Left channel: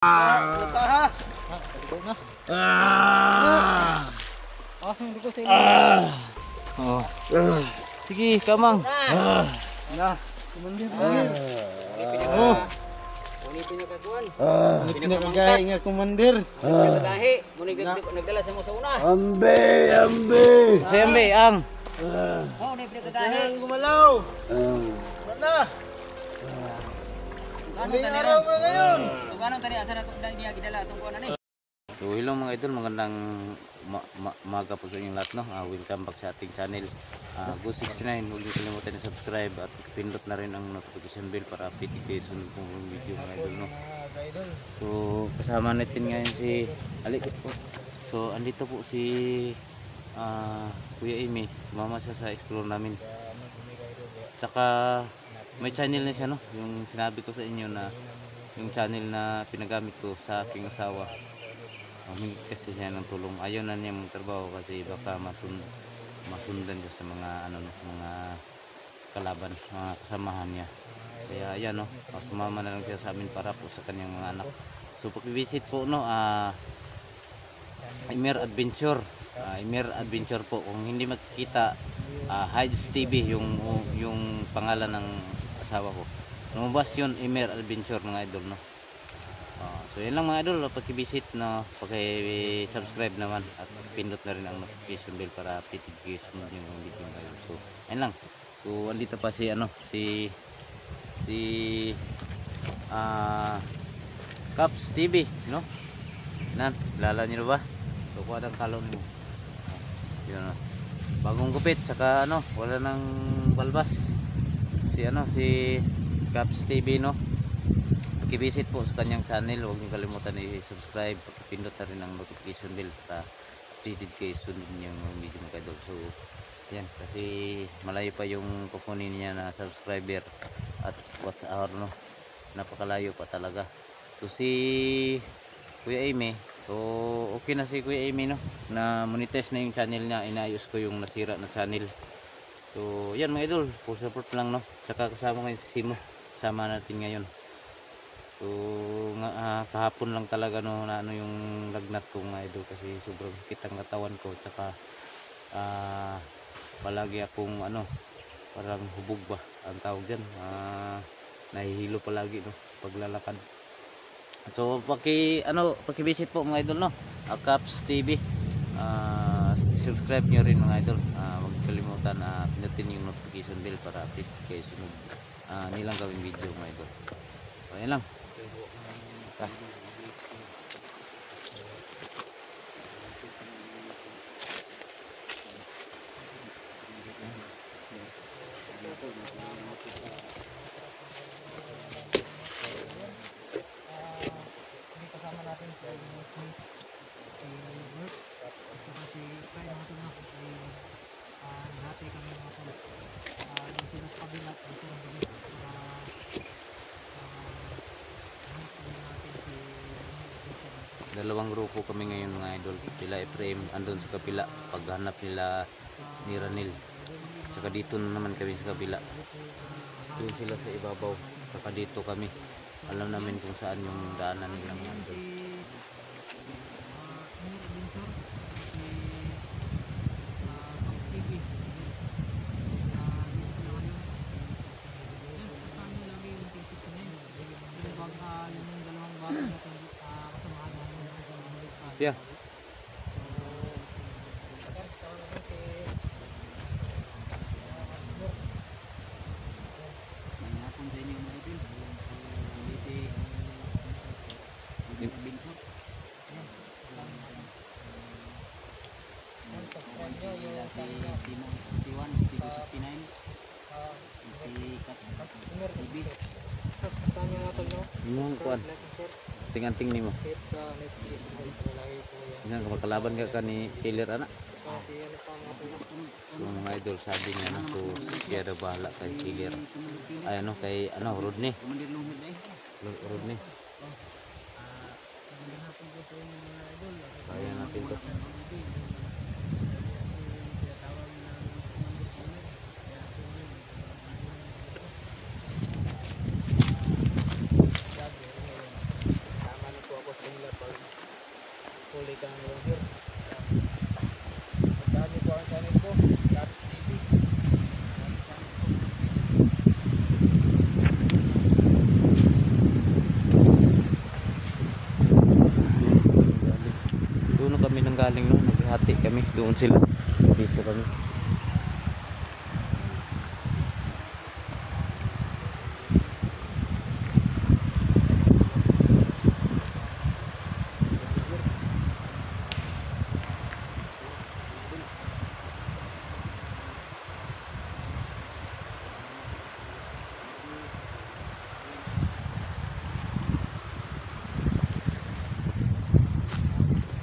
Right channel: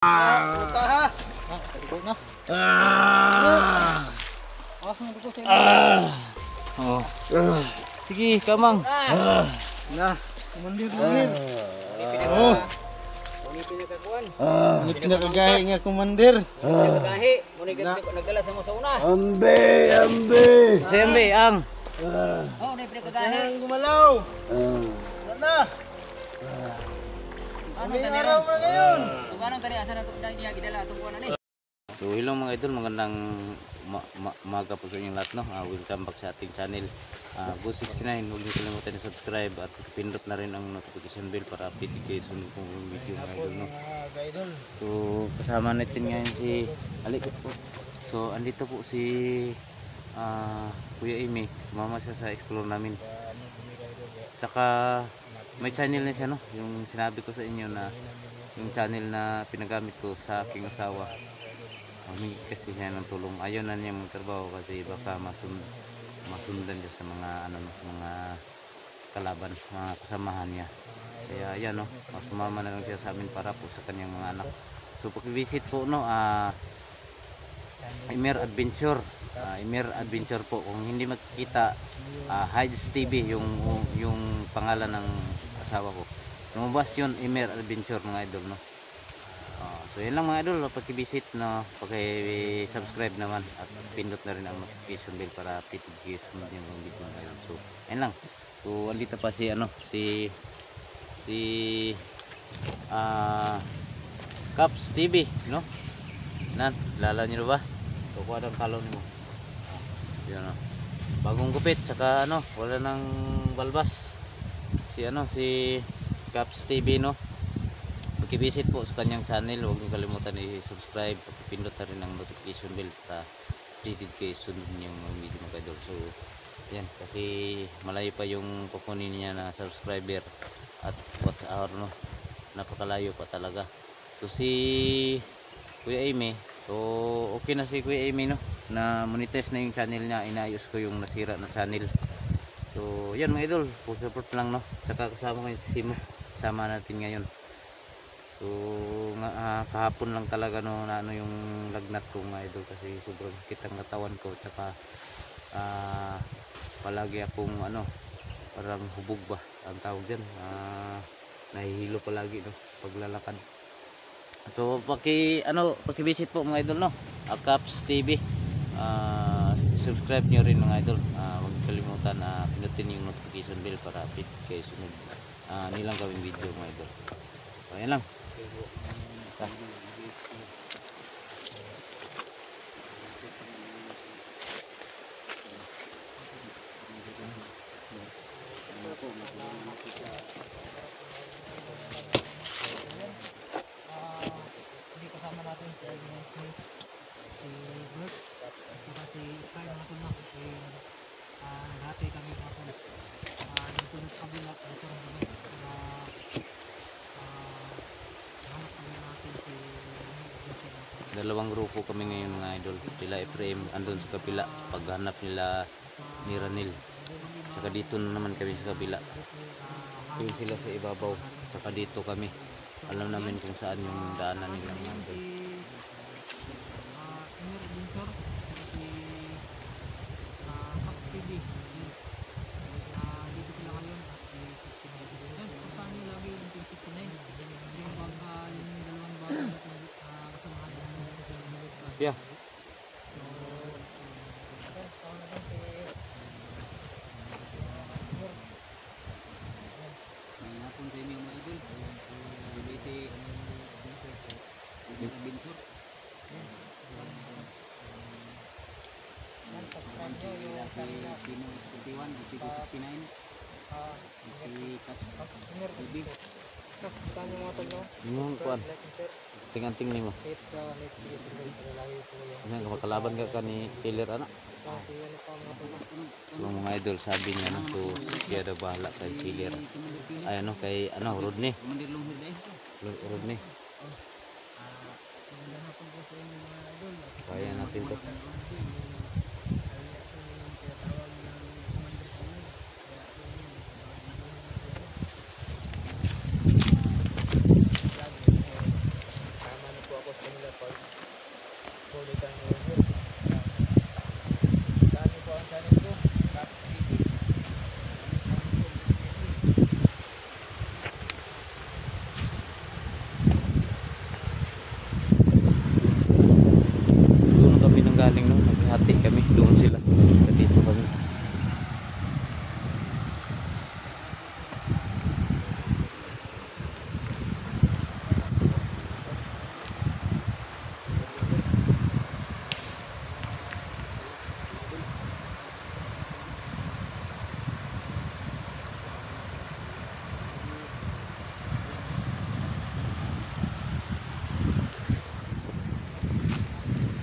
Oh. Sige, kamang. Nah, mundir. Muni pinakakuan. Pinakagahi nga kumandir. Pinakagahi. Muni nagdala sa mo sa una. Ambe. Si Ambe, ang. Oh, ni pinakagahi. Ang gumalaw. Mana? Ano tani ron? Kung anong tani asa na to niya gidala atong kuan ani. So hello mga idol, magandang umaga po sa inyong lahat, no? Welcome back sa ating channel. Go 69, huwag niyo kalimutan na subscribe at pindot na rin ang notification bell para update kayo sa sunod kong video mga idol, no? So kasama natin ngayon si Alikot po. So andito po si Kuya Amy, sumama siya sa explore namin. Tsaka may channel na siya, no? Yung sinabi ko sa inyo na yung channel na pinagamit ko sa aking asawa. Humingi kasi siya ng tulong. Ayaw na niya magtrabaho kasi baka masundan siya sa mga mga kalaban, mga kasamahan niya. Kaya ayan, no, sumama na lang siya sa amin para po sa kanyang mga anak. So pag-visit po, no, Imer Adventure. Imer Adventure po. Kung hindi makikita, Hides TV yung pangalan ng asawa ko. Lumabas yun, Imer Adventure mga idol, no. So yan lang mga idol, pag-visit, no, pag-subscribe naman at pindot na rin ang notification bell para update kayo sa mga video mga idol. So yan lang. So andito pa si Caps TV, no. Nan, lala niyo ba? So kuha ng kalaw nimo. Yun, no. Bagong gupit, saka wala nang balbas. Si Caps TV, no. Pag-visit po sa kanyang channel, huwag niyo kalimutan i-subscribe, pag-pindot na rin ang notification bell para updated kayo sunod niyang video mga idol. So yan, kasi malayo pa yung kukunin niya na subscriber at watch hour, no. Napakalayo pa talaga. So si Kuya Amy, so okay na si Kuya Amy, no, na monetize na yung channel niya. Inayos ko yung nasira na channel. So yan mga idol, full support lang, no. Tsaka kasama ngayon si Simo, sama natin ngayon. So kahapon lang talaga, no, na yung lagnat ko mga idol kasi sobrang sakit ang katawan ko. Tsaka palagi akong parang hubog ba ang tawag diyan, nahihilo palagi, no, paglalakad. So paki-visit po mga idol, no, Caps TV. Subscribe nyo rin mga idol. Huwag kalimutan na pinutin yung notification bell para update kayo sunod nilang gawing video mga idol. So yan lang. Dalawang grupo kami ngayon mga idol. Sila Efraim andun sa kapila paghanap nila ni Ranil. Saka dito na naman kami sa kabila. Yung sila sa ibabaw. Saka dito kami. Alam namin kung saan yung daanan nila mga idol. Yeah. Yung kuan ting-anting nimo. Nang makalaban ka ni killer anak. So mga idol, sabi niya na to siya daw bahala kay killer. Ay kay Rodney. Rodney. Kaya natin to. nila pag kulay kang river. Dati po ang channel ko, Caps TV. Doon na kami nang galing no, naghati kami, doon sila. Dito kami.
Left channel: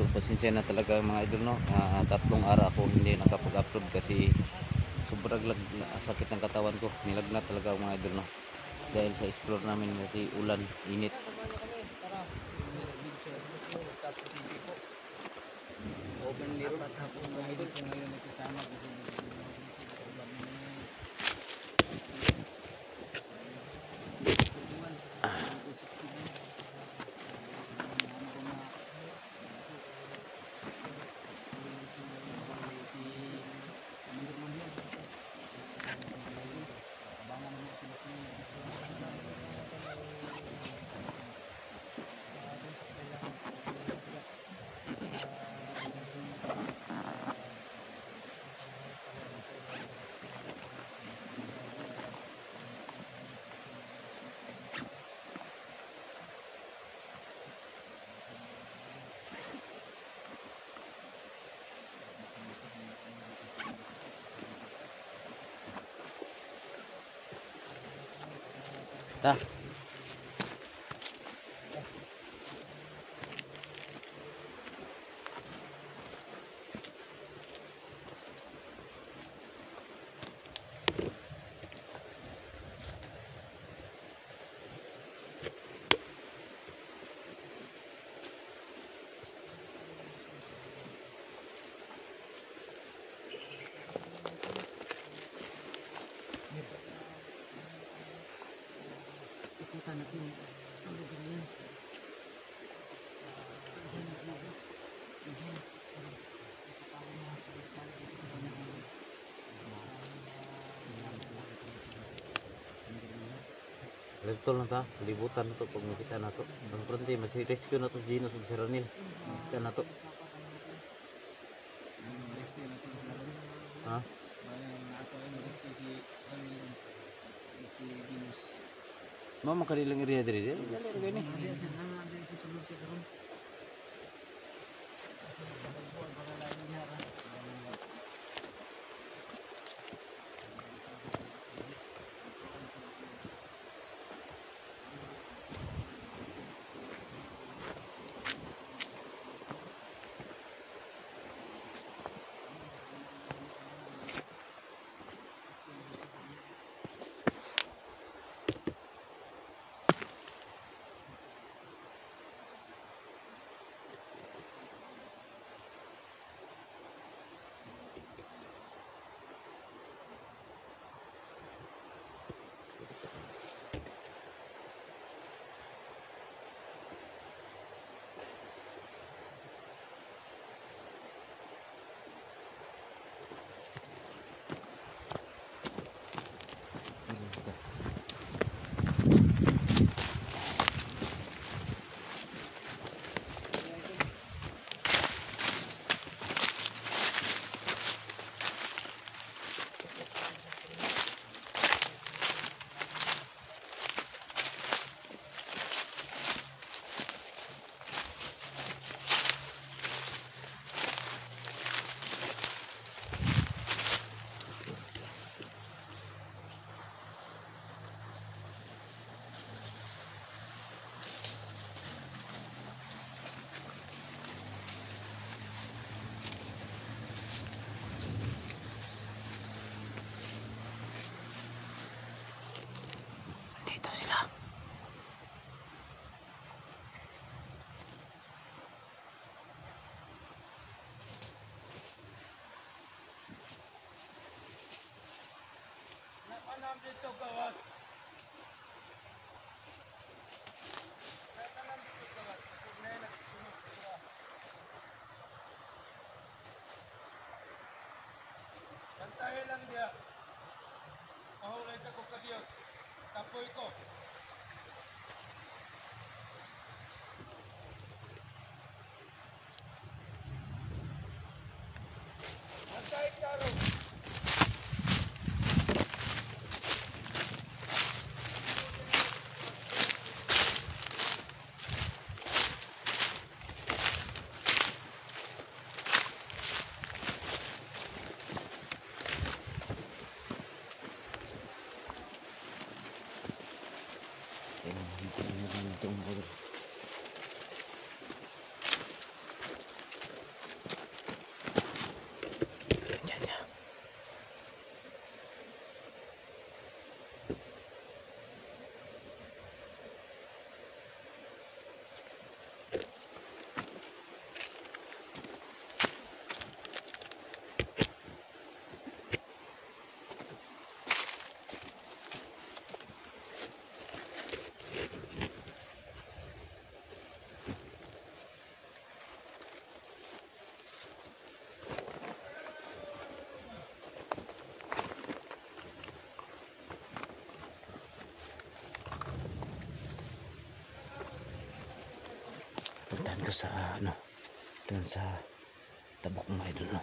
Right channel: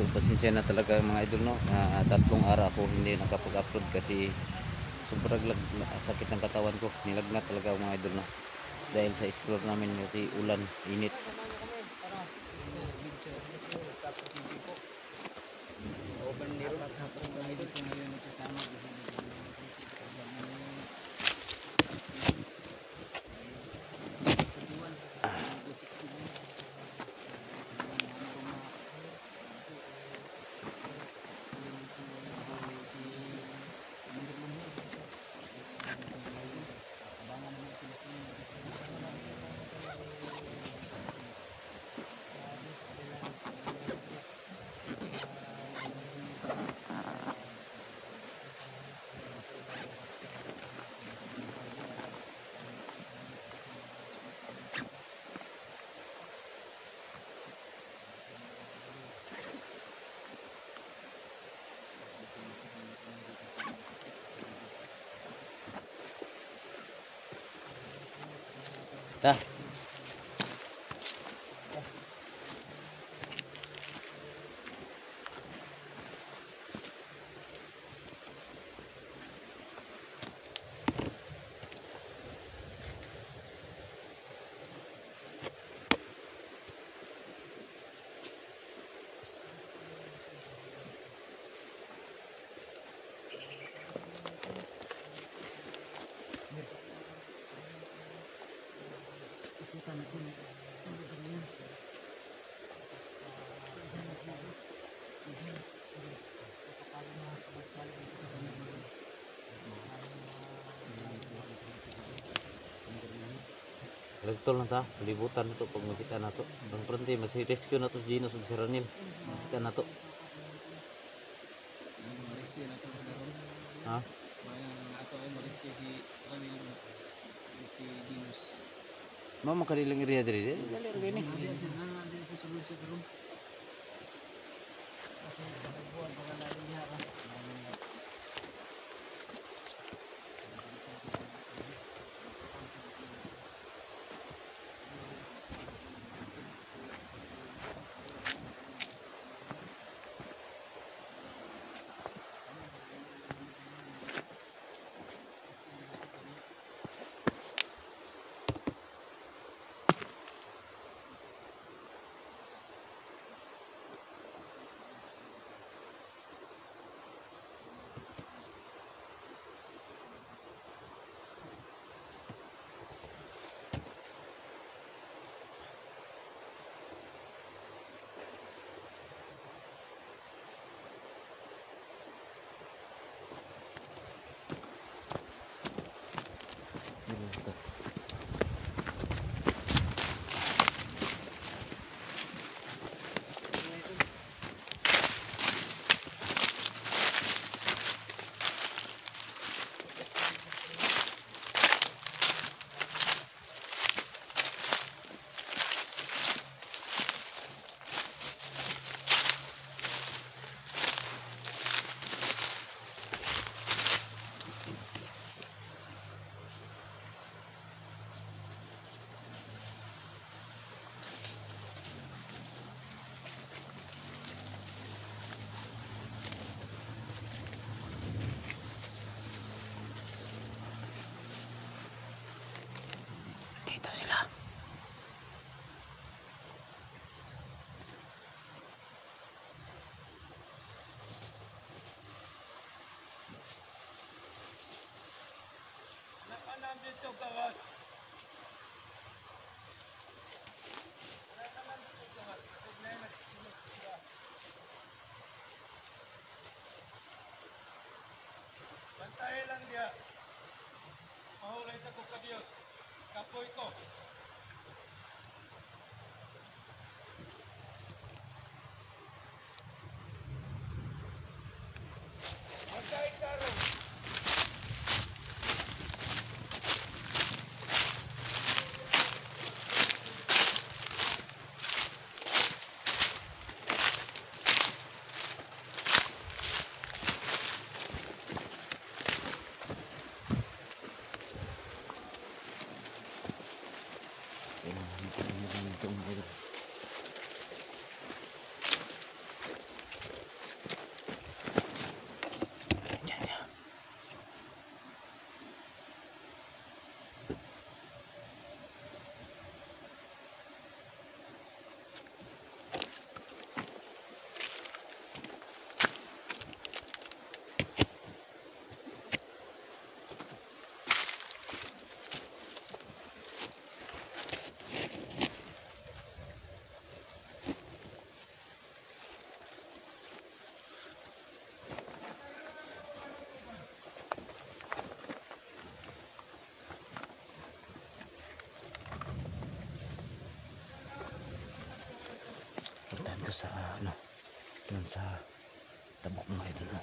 So pasensya na talaga mga idol no. 3 araw ako hindi nakapag-upload kasi sobrang sakit ng katawan ko. Nilagnat talaga mga idol no. Dahil sa explore namin kasi ulan, init. Samahan niyo kami para Caps TV po. Open niro at hapon mga idol kung ngayon nagsasama. Dah. Lagtol na ta, libutan na to pag makita na to. Ang pranti, mas-rescue na to si Gino sa Seranil. Makita na to. Ha? Mama kanilang area diri. Dali ra gani. Dito sila. Nakanam dito gawas. Nakanam dito gawas. Kasi may Walay sa kukadiyot. Kapoy ko. Antay karo. Puntahan ko sa ano, doon sa tabok mga idol. No?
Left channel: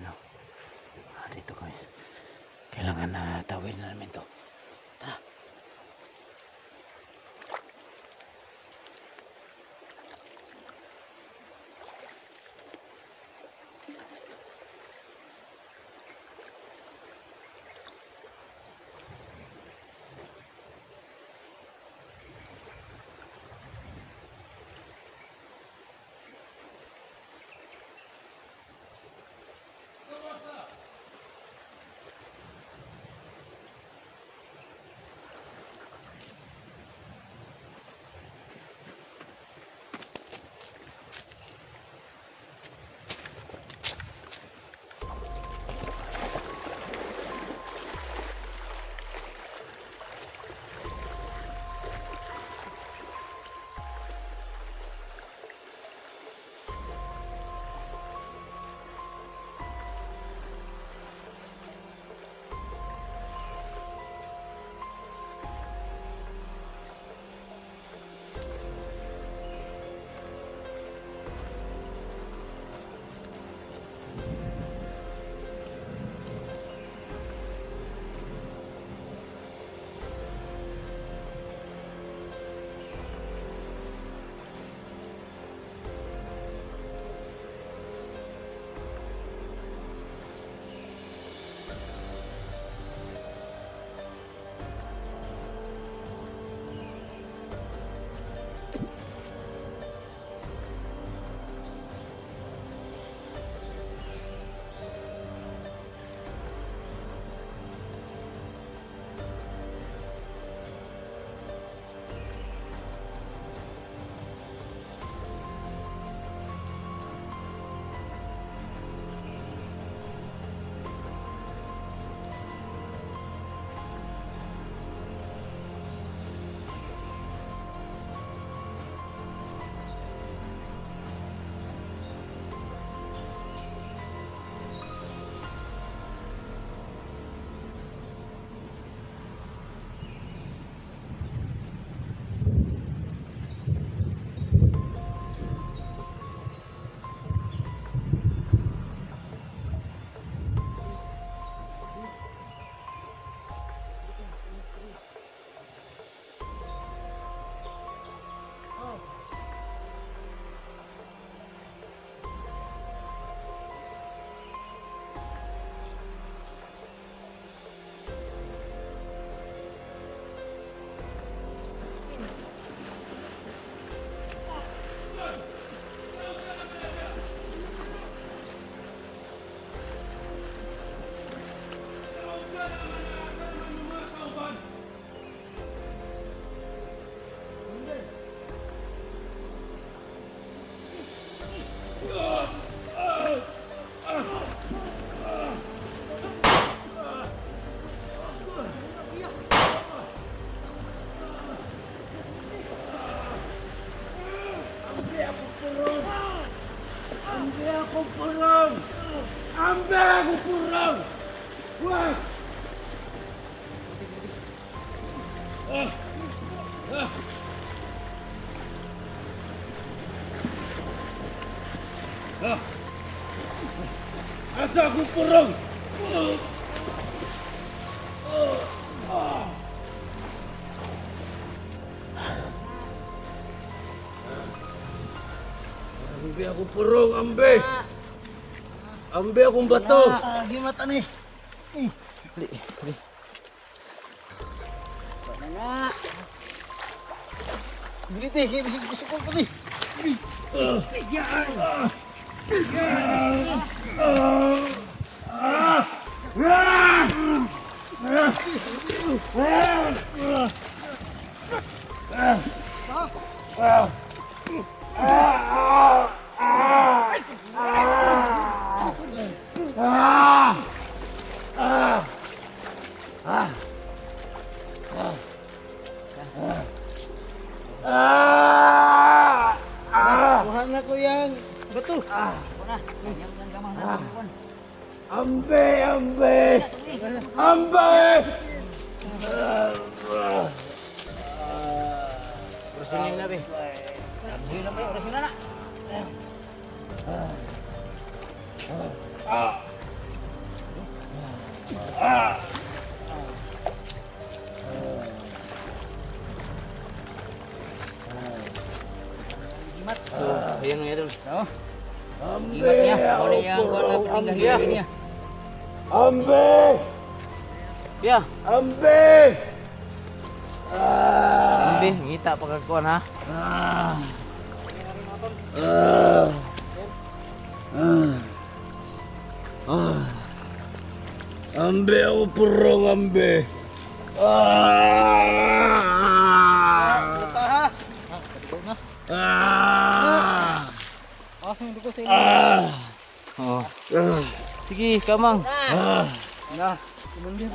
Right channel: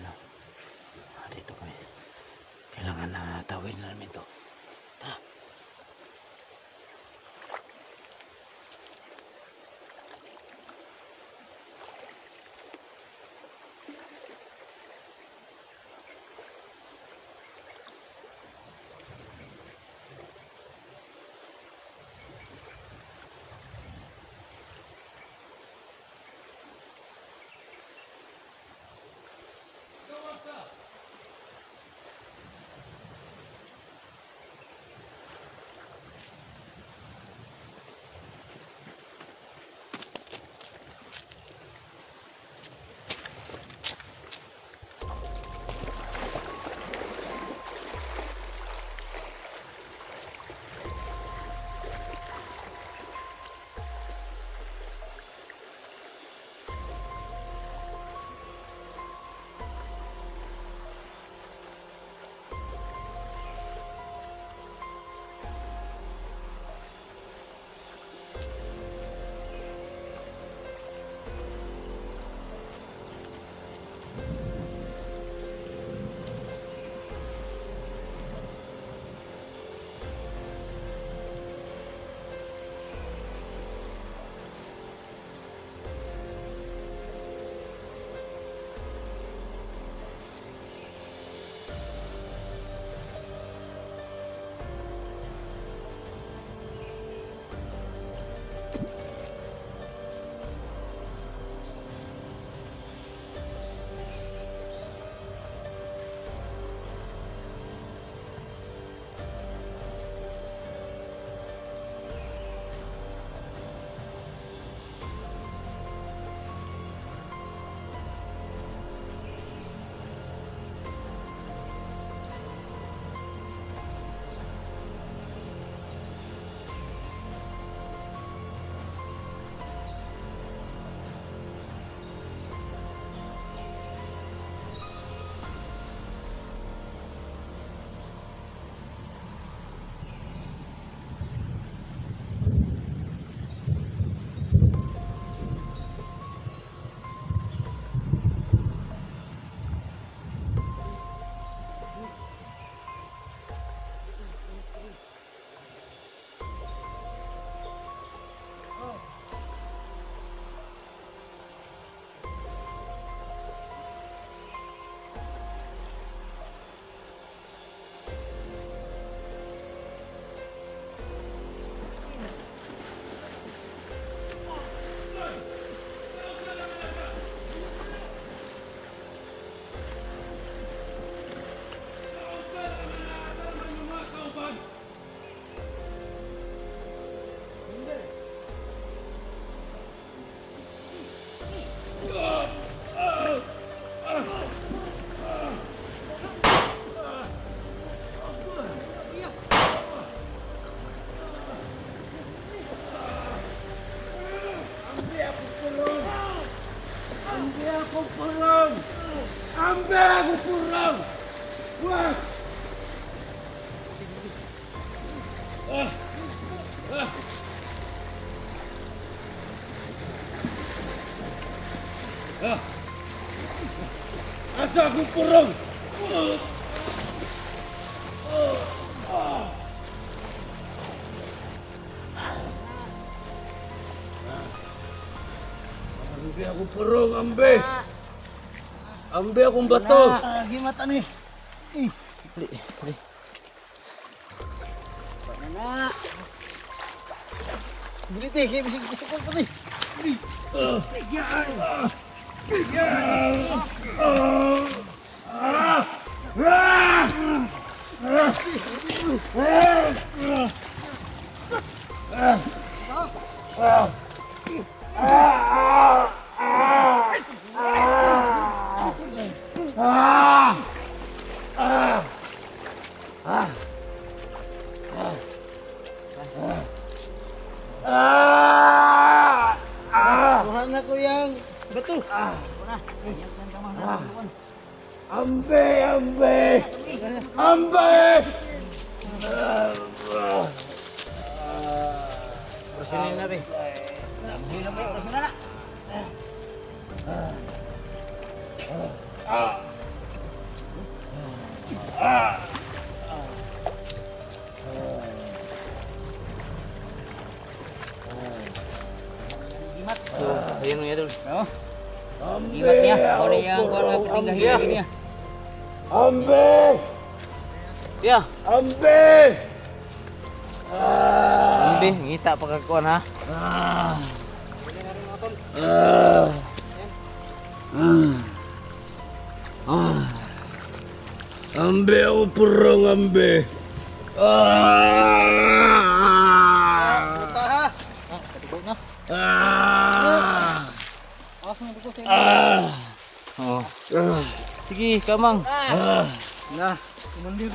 Ano, dito kami. Kailangan na tawid na namin to. Tara. purong! Hindi ako purong! Ambe ako purong! Wah! Asa ako purong! Ambe ako purong, ambe! Ambe akong bato! Gimata ni. Dali, dali. Bulit eh, kaya bisig ko pa ni. Kuha na ko yang bato. Ambe, ambe! Ambe! Rasulin na be. Ayan mga idol. Oh. Ambe! Ingat niya. Ako Kau yang purong, ambe! niya. Ambe! Ya, Ambe! ambi, ngita pa kakuan ha. Ambe ako purong, ambe! Taha. Patugod na. Aso mo ko sa Oh. Sige, kamang. na. Mundir.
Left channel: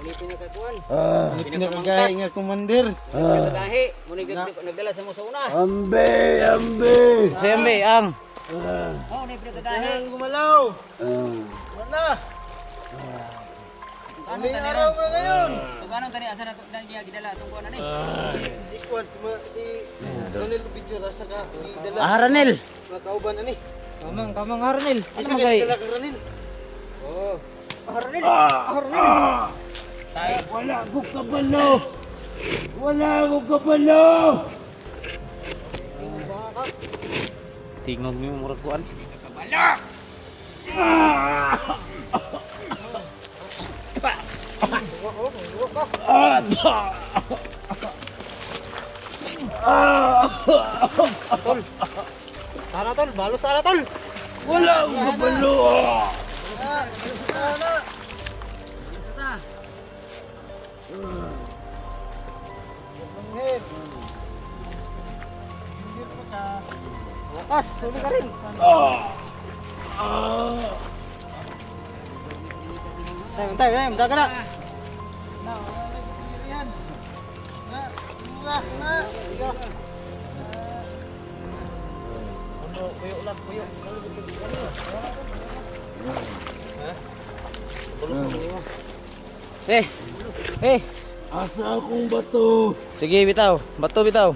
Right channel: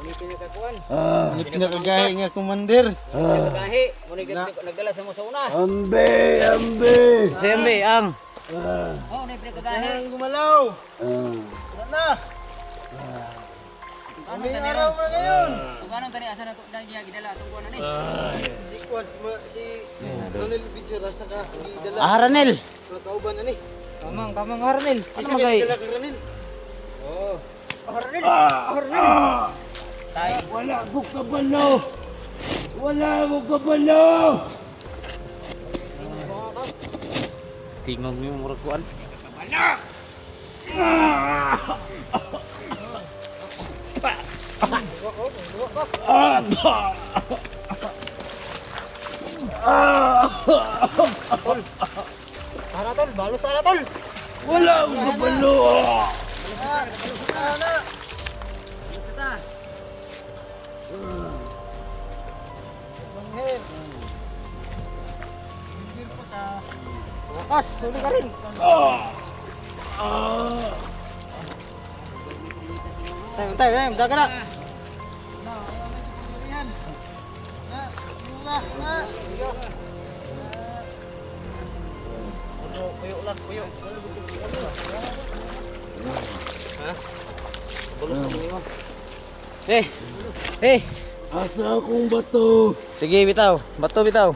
Muni pinakakuan. Pinakagahi nga kumandir. Pinakagahi. Muni nagdala sa mo sa una. Ambe! Ambe! Sembe ang. Oh, na pinakagahi. Gumalaw. Wala. Ano tani ron? Kung anong tani asa na niya gidala atong kuan ani? Si kuan si Ronel Bichura sa ka gidala. Aranel. Nakauban ani. Kamang Aranel. Ano magay? Oh. Wala ko kabalo! Wala ko kabalo! Tingog mo yung murag kuan. Tara tol, balos tara tol. Wala ko kabalo! Wakas, huli ka rin. Time, daga na. Puyo ulan, puyo. Eh. Asa akong bato? Sige, bitaw. Bato bitaw.